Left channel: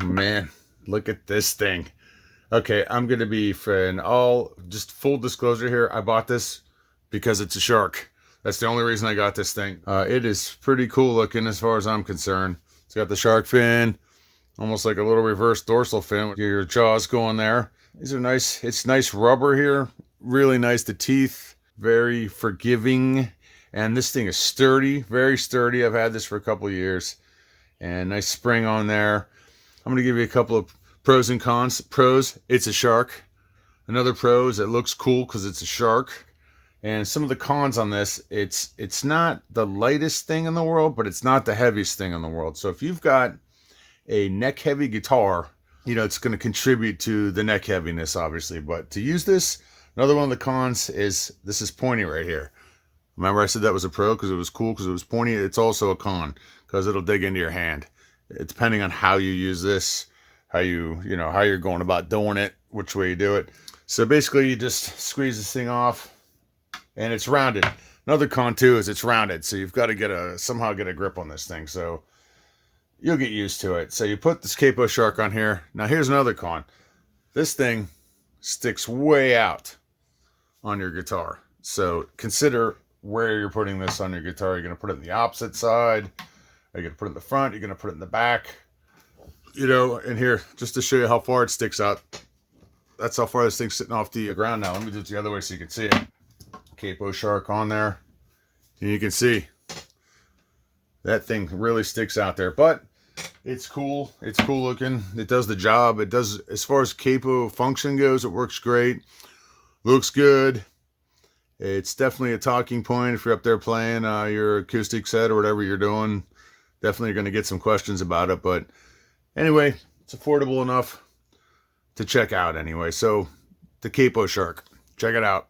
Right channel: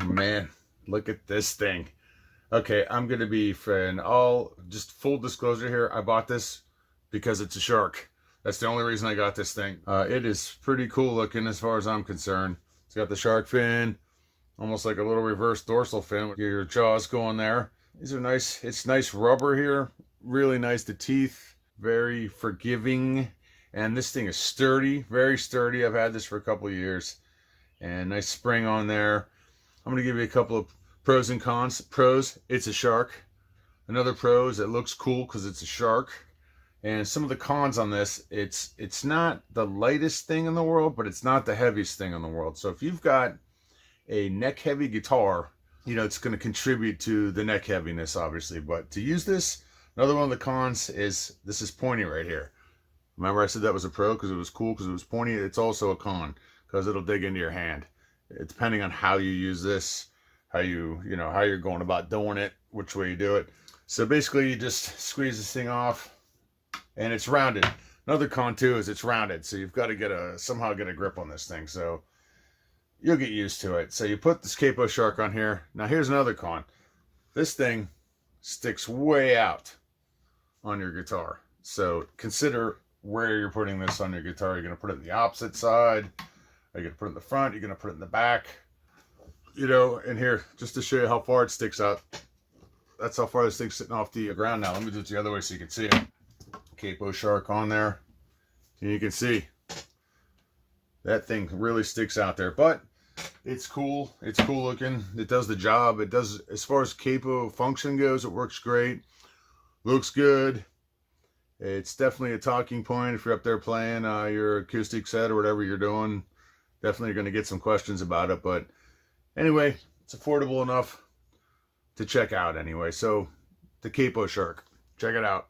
Man, look at this thing. Okay, I'm gonna be for all just full disclosure here. I bought this because it's a shark. That's the only reason I got this thing. It is pretty cool looking as far as I'm concerned. It's got the shark fin, almost like a little reverse dorsal fin with your jaws going there. These are nice. It's nice rubber here. Really nice. The teeth, very forgiving. And this thing is sturdy, very sturdy. I've had this for a couple of years. And nice spring on there. I'm going to give you a couple of pros and cons. Pros, it's a shark. Another pro is it looks cool because it's a shark. And some of the cons on this, it's not the lightest thing in the world, but it's not the heaviest thing in the world. So if you've got a neck heavy guitar, it's going to contribute to the neck heaviness, obviously. But to use this, another one of the cons is this is pointy right here. Remember I said that was a pro because it was cool because it was pointy? It's also a con because it'll dig into your hand. It, depending on how you use this, how how you're going about doing it, which way you do it. So basically you just squeeze this thing off and it's rounded. Another con too is it's rounded. So you've got to somehow get a grip on this thing. So you'll get used to it. So you put this Capo shark on here. Now here's another con. This thing sticks way out on your guitar. So consider where you're putting this on your guitar. You're going to put it in the opposite side. Are you going to put it in the front? You're going to put it in the back. And here, just to show you how far it sticks out. That's how far this thing's sitting off the ground now. Let me do it the other way so you can see it. Capo shark on there. And you can see that thing really sticks out there. But it's cool. It's cool looking. It does the job. It does, as far as Capo function goes, it works great. Looks good. It's definitely a talking point if you're up there playing your acoustic set or whatever you're doing. Definitely going to get some questions about it. But anyway, it's affordable enough to check out anyway. So the Capo Shark. Check it out.